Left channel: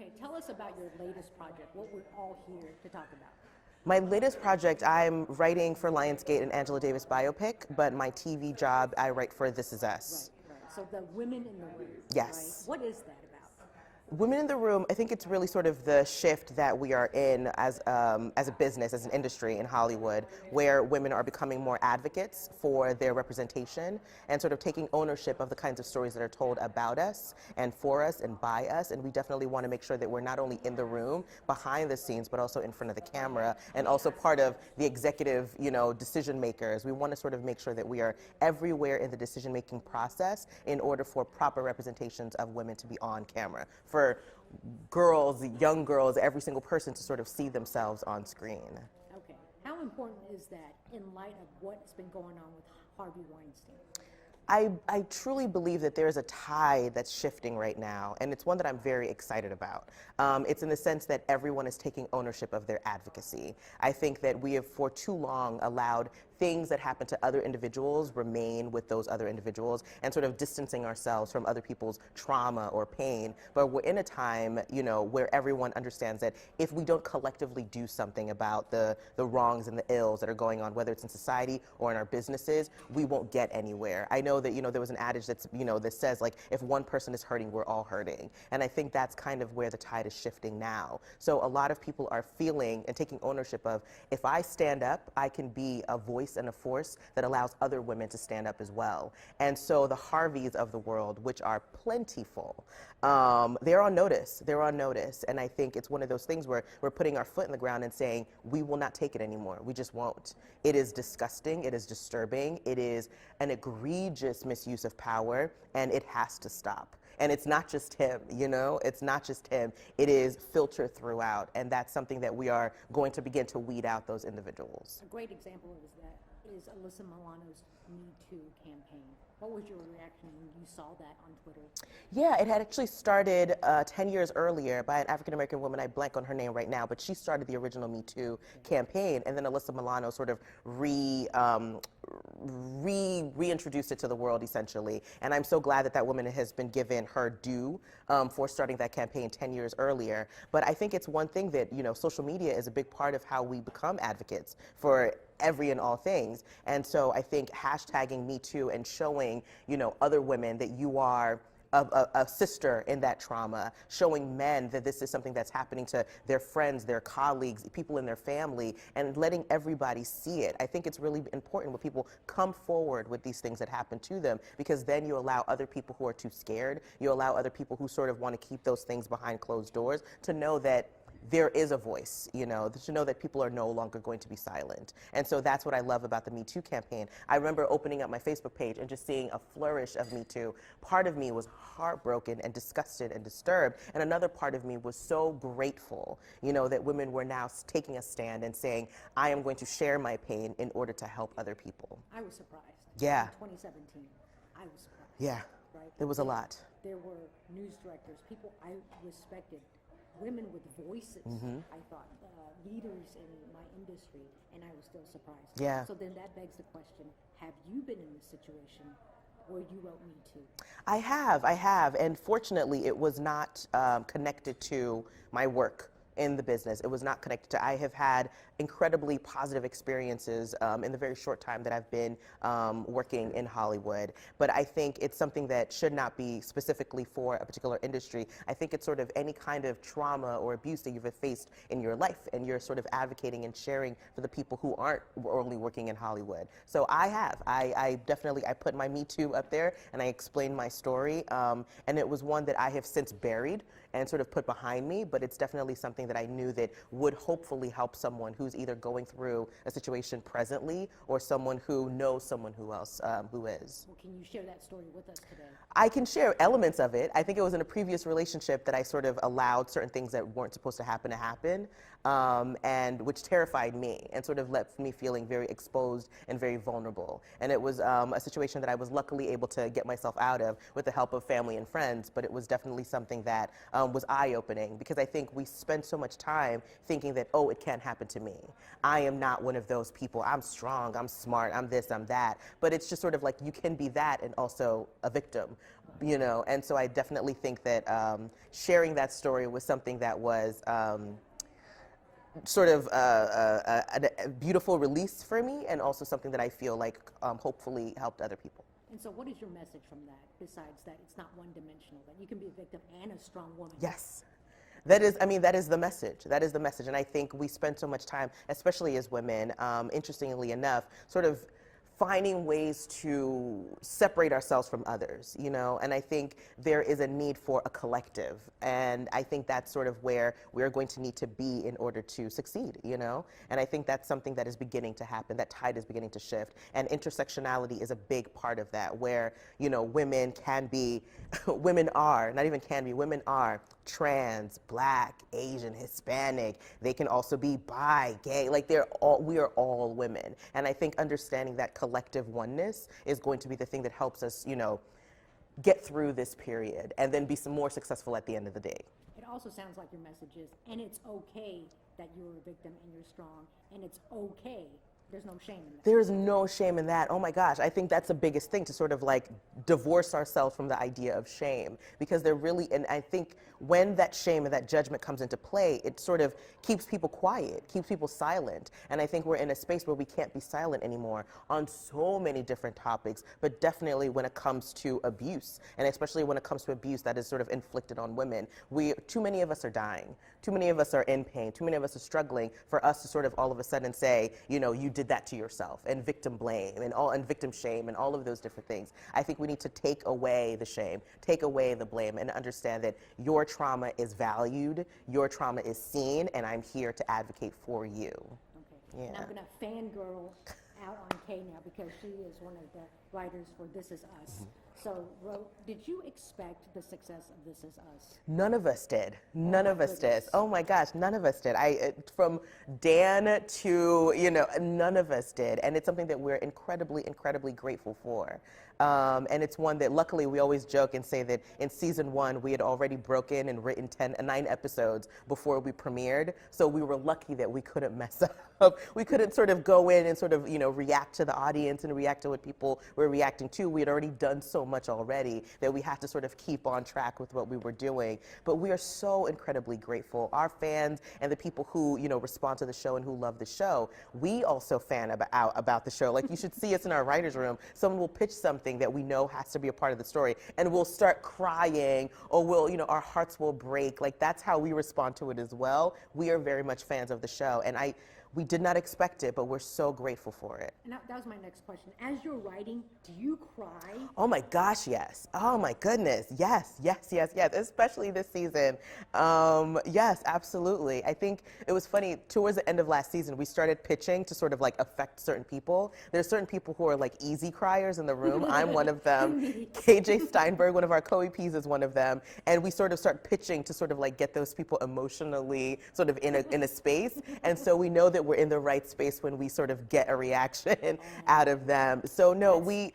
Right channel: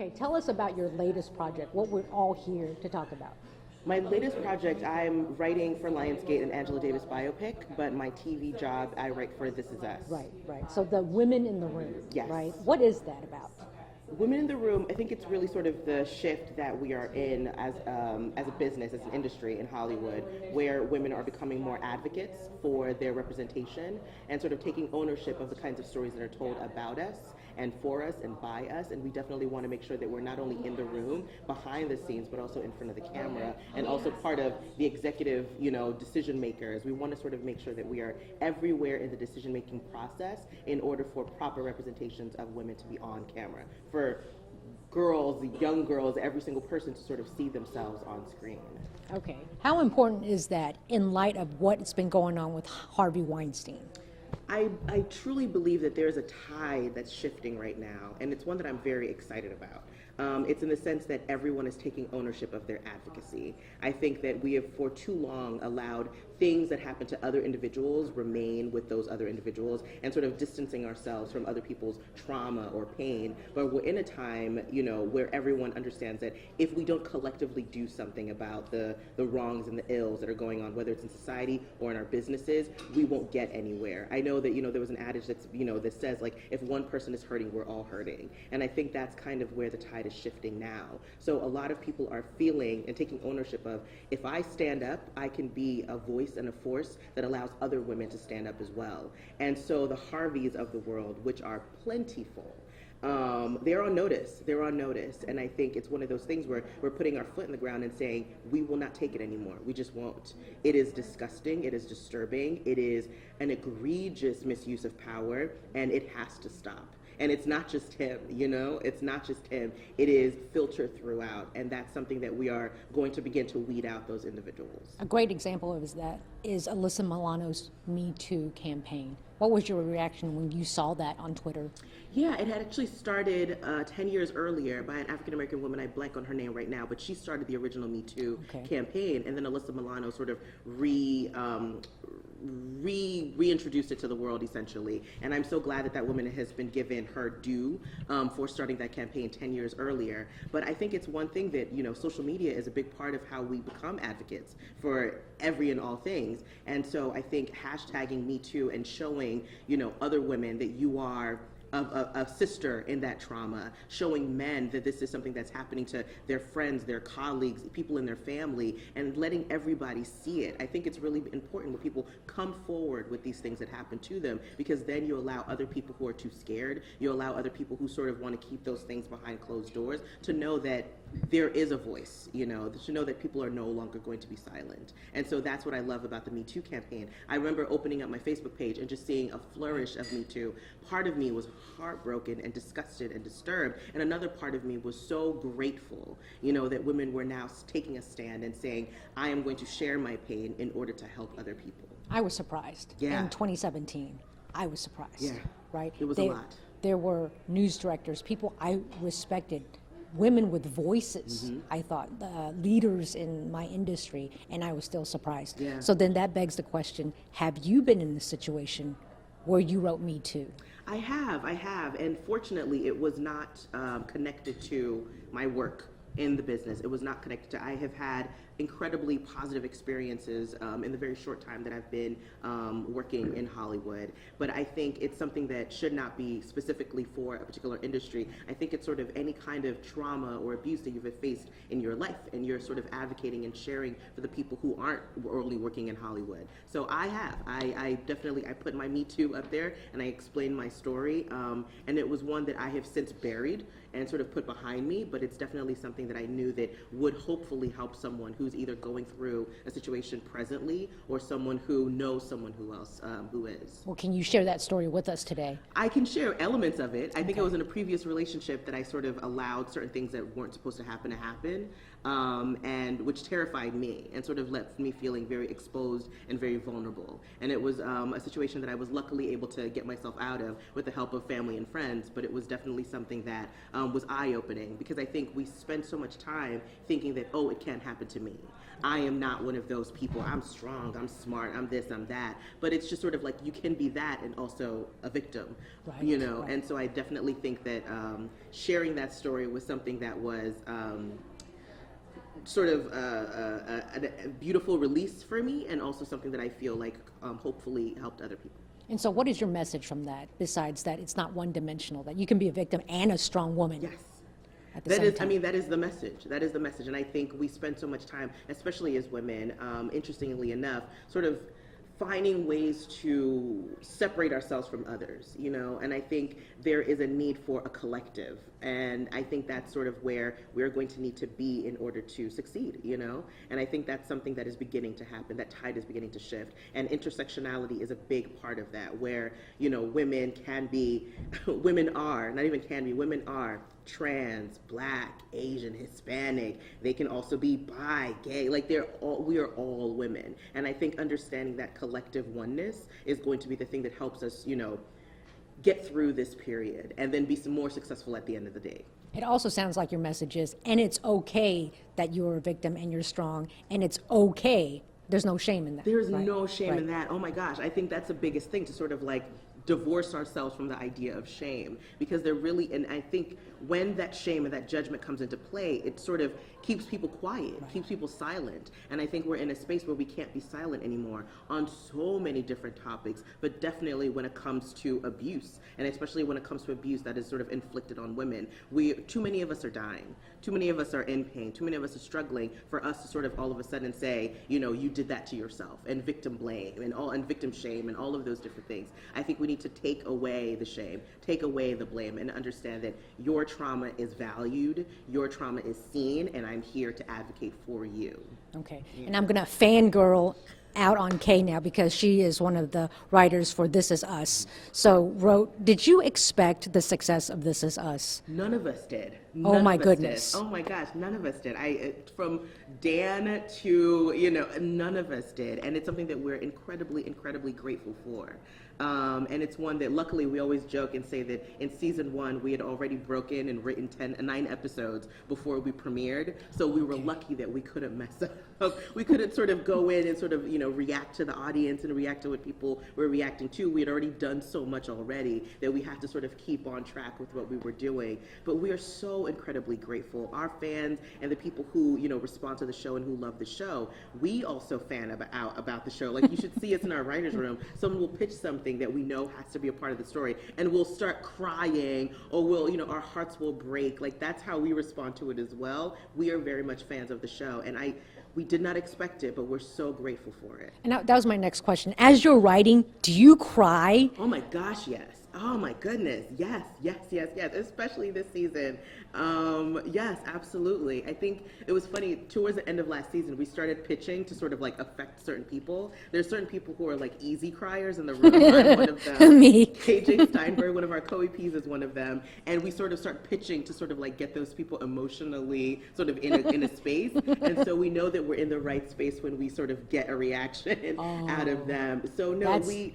Okay, tell us about your latest project, what we're all here to talk about. My latest project, I'm writing for Lionsgate and Angela Davis biopic, but my TV job, I write for This Is Us. Right. So the women in the room, Yes. right? What is that about? Women in the Room, I think it's really sort of the shift that we are in as a business, as an industry in Hollywood, where women are becoming more advocates for their representation and sort of taking ownership of the kinds of stories that are told about us and for us and by us. And we definitely want to make sure that we're not only in the room, behind the scenes, but also in front of the camera and also part of the executive, decision makers. We want to sort of make sure that we are everywhere in the decision-making process in order for proper representations of women to be on camera. For girls, young girls, every single person to sort of see themselves on screen. Okay. How important is that in light of what's been going on with Harvey Weinstein? I truly believe that there's a tide that's shifting right now, and it's one that I'm very excited about. It's in the sense that everyone is taking ownership of their advocacy. I think that we have for too long allowed things that happen to other individuals remain with those other individuals and sort of distancing ourselves from other people's trauma or pain. But we're in a time, where everyone understands that if we don't collectively do something about the wrongs and the ills that are going on, whether it's in society or in our businesses, we won't get anywhere. I know that, there was an adage that's, that says, like, if one person is hurting, we're all hurting. And I think that's kind of where the tide is shifting now. So a lot of people are feeling and taking ownership of, if I stand up, I can be a voice and a force that allows other women to stand up as well. And so the Harveys of the world, which are plentiful, they're on notice. They're on notice. And I think it's one of those things where we're putting our foot in the ground and saying, we will not take it anymore. We just won't. It is disgusting. It is disturbing. It is an egregious misuse of power, and it has to stop. And it's not just him, it's not just him. It is filtered throughout, and that's something that we are going to begin to weed out those individuals. A great example of that is Alyssa Milano's Me Too campaign. What was your reaction when you saw that on Twitter? Yeah, it had actually started 10 years earlier by an African-American woman. I blank on her name right now, but she started the original Me Too campaign, and then Alyssa Milano sort of reintroduced it to the world, essentially. And I'm so glad that that woman has been given her due for starting that campaign 10 years earlier. But I think it's one thing that, social media is a big part of how we become advocates for every and all things. And so I think hashtagging Me Too and showing, other women that you are a sister in that trauma, showing men that this is something that's happening to their friends, their colleagues, people in their family, and letting everybody see it. I think it's really important when people come forward with these things that happen to them, because then you allow other people who are too scared, you allow other people who sort of want to keep those things behind closed doors to know that there is a voice, to know that people are no longer going to be silent. And so that's what I love about the Me Too campaign. I remember opening up my Facebook page and just seeing a flourish of Me Too. Part of me was heartbroken and disgusted and disturbed, and another part of me was so grateful, that women were now taking a stand and saying, I am going to share my pain in order to help other people. I was surprised. Yeah. In 2017, I was surprised. Yeah. Right? It was a lot. There were news directors, people I respected, women with voices, I thought, leaders in my industry, and I was still surprised. Yeah. So then that begs the question, have you been in this situation where you wrote Me Too? I have, and fortunately it was not connected to my work in the business. It was not connected to, I have had incredibly positive experiences in the very short time that I've been working in Hollywood. But I think it's something that should not be specifically for a particular industry. I think it's sort of any kind of trauma or abuse that you've faced in your life, and you're sort of advocating and sharing for the people who aren't only working in Hollywood. So I have. I definitely put my Me Too up there, and I explained my story, and it was one that I have since buried and sort of put behind me, but it's definitely something that I knew that would hopefully help someone who's either going through a situation presently or someone who knows someone who else who is. Well, can you share that story with us today? I can share elements of it. I think it was in a previous relationship that I sort of allowed certain things that weren't supposed to happen. and which terrified me and sort of left me feeling very exposed and very vulnerable. And it was a situation that I was luckily able to get myself out of with the help of family and friends, but it was definitely something that was eye-opening, because I think we spend so much time thinking that, oh, it can't happen to me. I am not one of those people. I'm strong, I'm smart, I'm this, I'm that. But it's just sort of like you can be that and also a victim, you know? And so I definitely think that sharing that story was something that was sort of a beautiful release for me, and also something that I feel like hopefully helped other people. And so what is your message from that, besides that it's not one-dimensional, that you can be a victim and a strong woman? Yes. That is, I mean, that is the message. That is the message. And I think we spend so much time, especially as women, interestingly enough, sort of finding ways to separate ourselves from others, you know? And I think there is a need for a collective. And I think that's sort of where we're going to need to be in order to succeed, you know? And I think that's something that is beginning to happen. That tide is beginning to shift. And intersectionality is a big part of that, where, you know, women can be, women are, not even can be, women are trans, black, Asian, Hispanic. They can also be bi, gay. Like we are all women. And I think understanding that collective oneness is going to be the thing that helps us, you know, get through this period and then be some more successful at the end of the day. It also sounds like your message is, and it's okay that you're a victim and you're strong, and it's okay. There's no shame in that. There's no shame in that. Oh my gosh, I think that's the biggest thing, to sort of like divorce ourselves from the idea of shame, because they're really, and I think when that shame and that judgment comes into play, it sort of keeps people quiet, keeps people silent. And I think we're in a space where we can't be silent anymore on so many different topics, but definitely when it comes to abuse, and especially when it comes to abuse that is sort of inflicted on women. Too many of us are dying. Too many of us are in pain. Too many of us are struggling for us to sort of all of a sudden say, you know, you did that to yourself, and victim blame and victim shame and all of those different things. I think we need to take away the shame, take away the blame, and understand that your trauma is valued, your trauma is seen, and I'm here to advocate for you. Okay, yeah. And I'm gonna fangirl out on Kay now, because she is one of the writers for This Is Us. So did you expect the success of This Is Us? None of us did. Oh my goodness. Oh my gosh, none of us did. From Dan to, you know, none of us did. And it's something that we're incredibly, incredibly grateful for. And it's one that luckily we always joke and say that in season 1 we had already broken and written 9 episodes before we premiered. So we were lucky that we couldn't mess up. We couldn't sort of go in and sort of, you know, react to the audience and react to what people were reacting to. We had already done so much already that we had to sort of keep on track with what we were doing. But we are so incredibly grateful. Our fans and the people who, you know, respond to the show and who love the show, we also fan about the show. Like, you should see us in our writer's room. Someone will pitch something that we know has to be a part of the story, and we'll start crying, or we'll, you know, our hearts will break. Like, that's how we respond to it as well. We are very much fans of the show, and we did not expect it, but we're so grateful for it. And that was my next question. As you're writing, do you cry? Oh my gosh, yes. Oh my goodness, yes, yes, yes, yes, especially this season. Yes, absolutely. I think it was funny, towards the end of last season, we started pitching to sort of like affect certain people. There's certain people who are like easy criers in the room. I'm one of them. Me. KJ Steinberg, one of our co-EPs, is one of them. And we sort of start pitching to sort of like get those people emotionally sort of in a space. And so we know that we're in the right space when we sort of get a reaction out of them. So no, we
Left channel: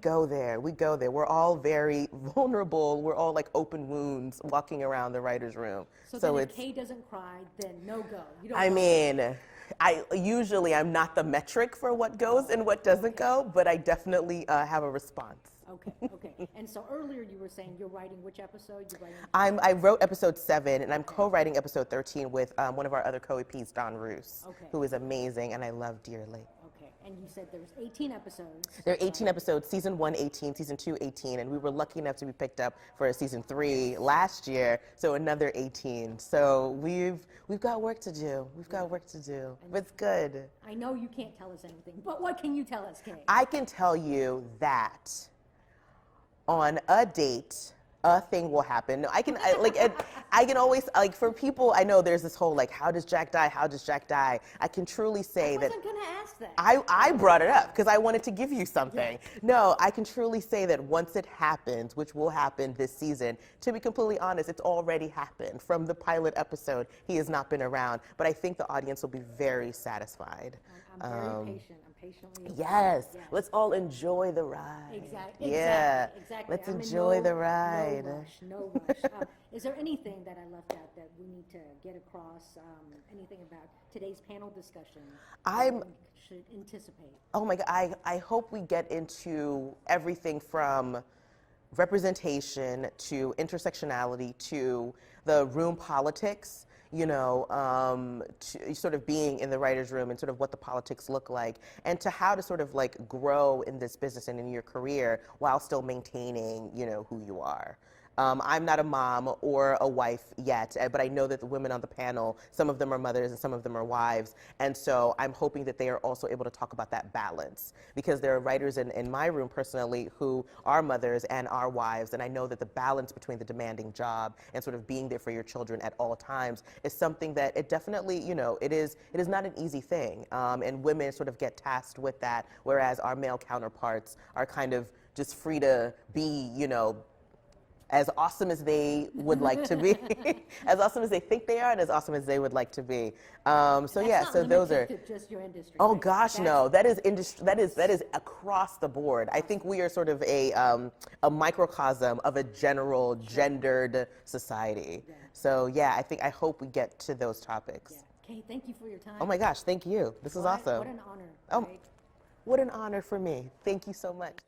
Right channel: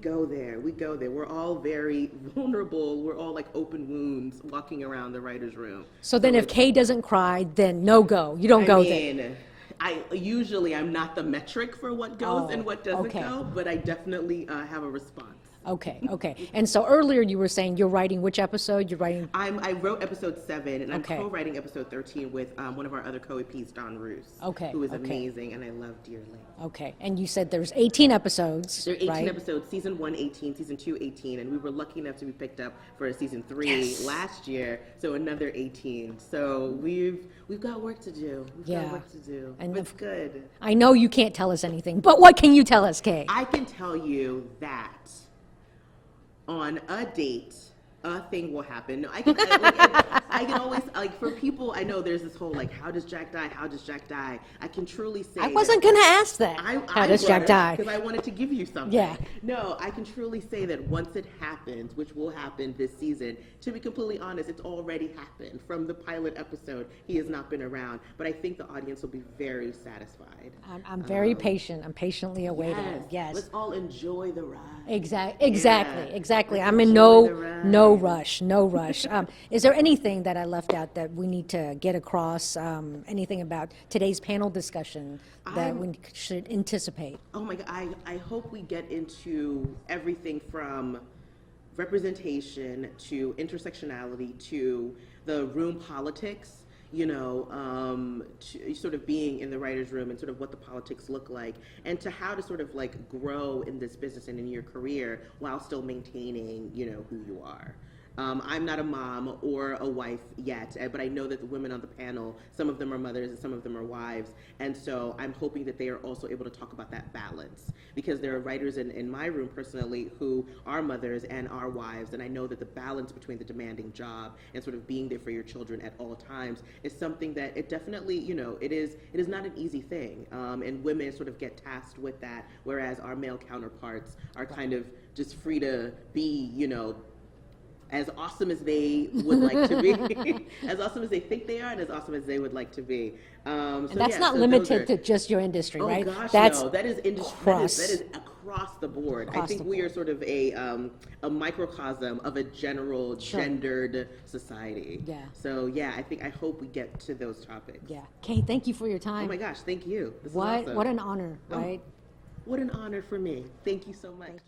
go there. We go there. We're all very vulnerable. We're all like open wounds walking around the writer's room. So then if Kay doesn't cry, then no go. You don't go there. I'm not the metric for what goes and what doesn't go, but I definitely have a response. Okay. And so earlier you were saying you're writing which episode? You're writing? I wrote episode 7, and I'm co-writing episode 13 with one of our other co-EPs, Don Roos, who is amazing and I love dearly. Okay, and you said there's 18 episodes. There are 18 episodes, season 1, 18, season 2, 18, and we were lucky enough to be picked up for season 3 last year, so another 18. So we've got work to do. We've got work to do, but it's good. I know you can't tell us anything, but what can you tell us, Kay? I can tell you that on a date a thing will happen. No, I can always, like, for people, I know there's this whole, like, how does Jack die? How does Jack die? I can truly say I wasn't going to ask that. I does brought Jack it die? up because I wanted to give you something. Yeah. No, I can truly say that once it happens, which will happen this season, to be completely honest, it's already happened. From the pilot episode, he has not been around, but I think the audience will be very satisfied. I'm very patient. I'm patiently awaiting. Yes. Yes. Let's all enjoy the ride. Exactly. Let's I'm in enjoy no the ride. no rush. No rush. Is there anything that I left out that we need to get across? Anything about today's panel discussion that we should anticipate? Oh my God, I hope we get into everything from representation to intersectionality to the room politics, you know, to sort of being in the writer's room and sort of what the politics look like, and to how to sort of like grow in this business and in your career while still maintaining, you know, who you are. I'm not a mom or a wife yet, but I know that the women on the panel, some of them are mothers and some of them are wives, and so I'm hoping that they are also able to talk about that balance, because there are writers in my room personally who are mothers and are wives, and I know that the balance between the demanding job and sort of being there for your children at all times is something that it definitely, you know, it is not an easy thing, and women sort of get tasked with that, whereas our male counterparts are kind of just free to be, you know, as awesome as they would like to be, as awesome as they think they are, and as awesome as they would like to be. And that's not limited to just your industry, oh right? gosh, That's no, that is that is across the board. I think we are sort of a microcosm of a general gendered society. Yeah. So yeah, I hope we get to those topics. Yeah. Kay, thank you for your time. Oh my gosh, thank you. This is awesome. What an honor, right? What an honor for me. Thank you so much.